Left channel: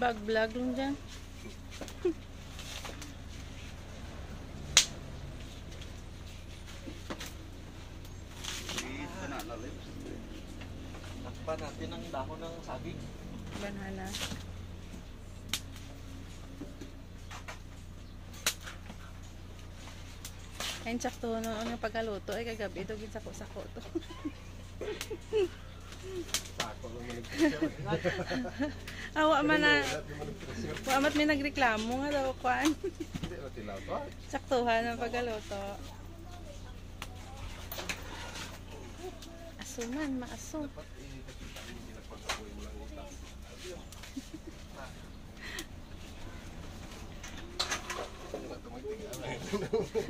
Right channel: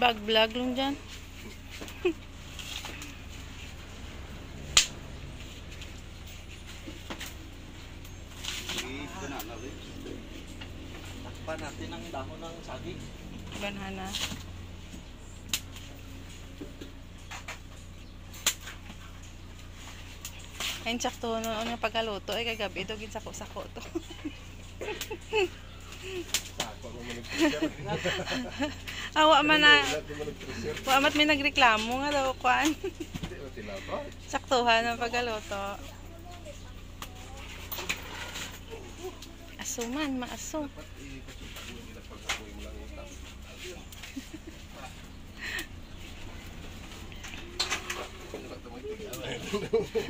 Bag-vlog lang dyan. Takpan natin ang dahon ng saging. Banana. Ayun, sakto noon nga pagkaluto. Ay, kagabi ito, ginsako-sako to. Awa man na. Amat may nagreklamo nga daw kuan. Saktuhan ng pagkaluto. Asuman, maaso.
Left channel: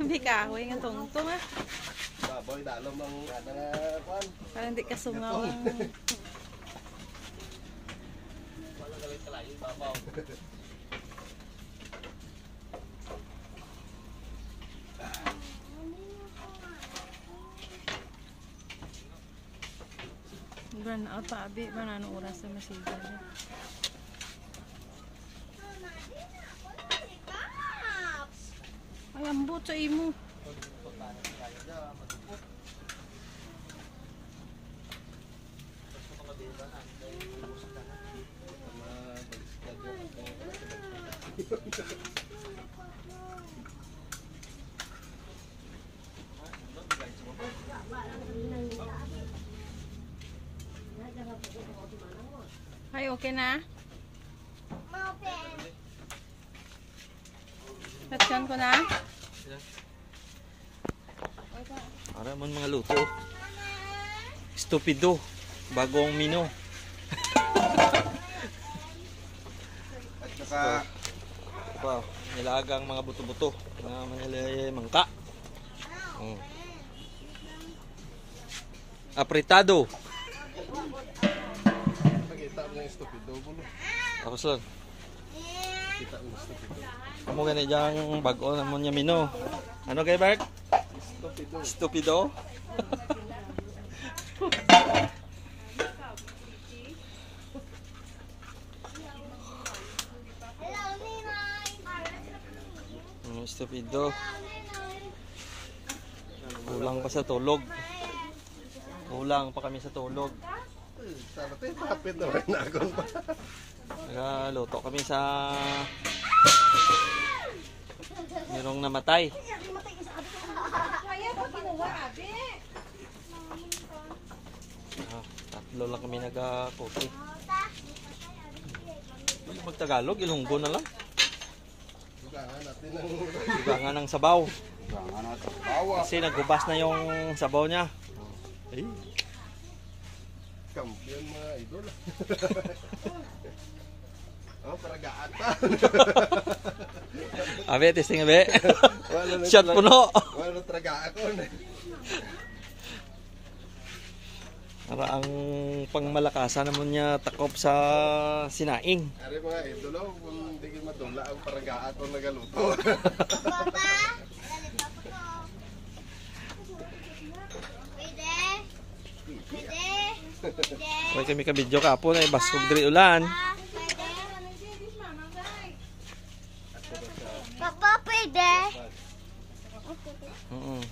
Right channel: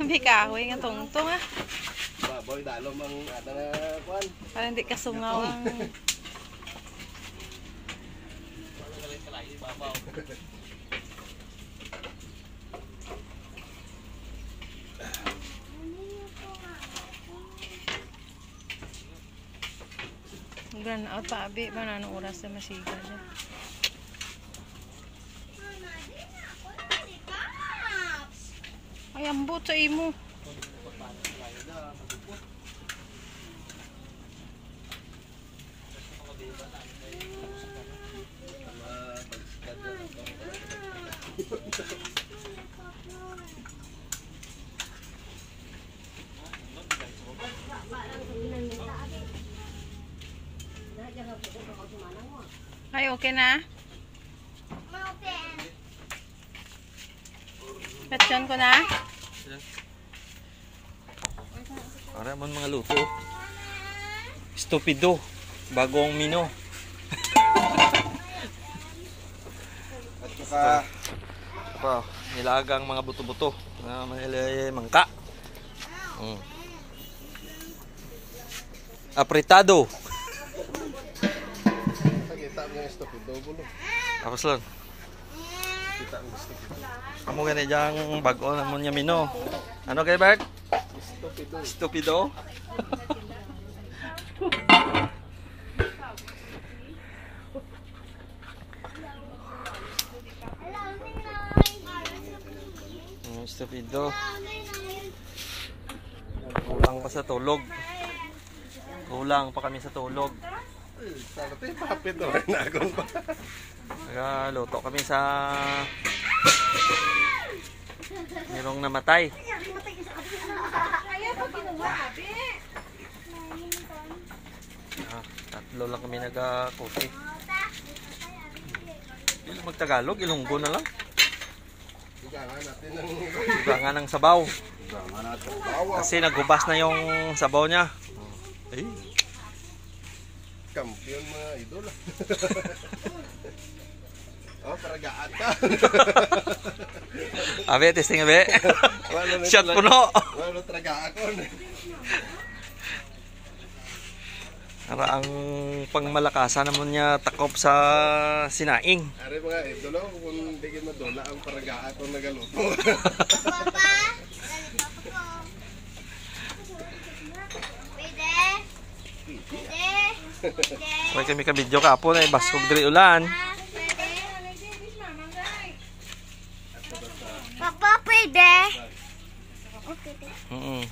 Bikahoy nga tungtong ah. Baboy dalo mang ada kuan. Para hindi kasungaw ang gan out pa abi ba na oras na masiga na. Ay ambot sa imo. Ay, okay na? Patyan ko na? Para man mga luto. Stupido. Bagong mino. At saka Wow, nilagang mga buto-buto na mangka. Apretado. pakita mo yung stupido gulo. Tapos lang. Kita mo stupido. Amo gani jang bag-o na mo niya mino. Ano kay Bert? Stupido. Stupido. Stupido. Kulang pa sa tulog. Kulang pa kami sa tulog. Sana tayo papit naman na akong pa. Nagaluto kami sa merong namatay. Tatlo lang kami nag-coffee. Hindi lang mag-Tagalog, Ilonggo na lang. Igangan natin ng Ibangan ng sabaw. igangan natin. Bawa. Kasi nagubas na yung sabaw niya. Ay, Kampiyon mga idol. Oh, paragaan ka. abe, testing abe. Wala na Shot puno. Wala traga ako. Para ang pangmalakasan naman niya takop sa sinaing. Ari mga idol, kung hindi kayo madula ang paragaan ko nagaluto. Papa, ganito po. Pwede? Pwede? Pwede? Okay kami ka-video kapon ay baskog diri ulan. Pwede? Papa, pwede? Mm.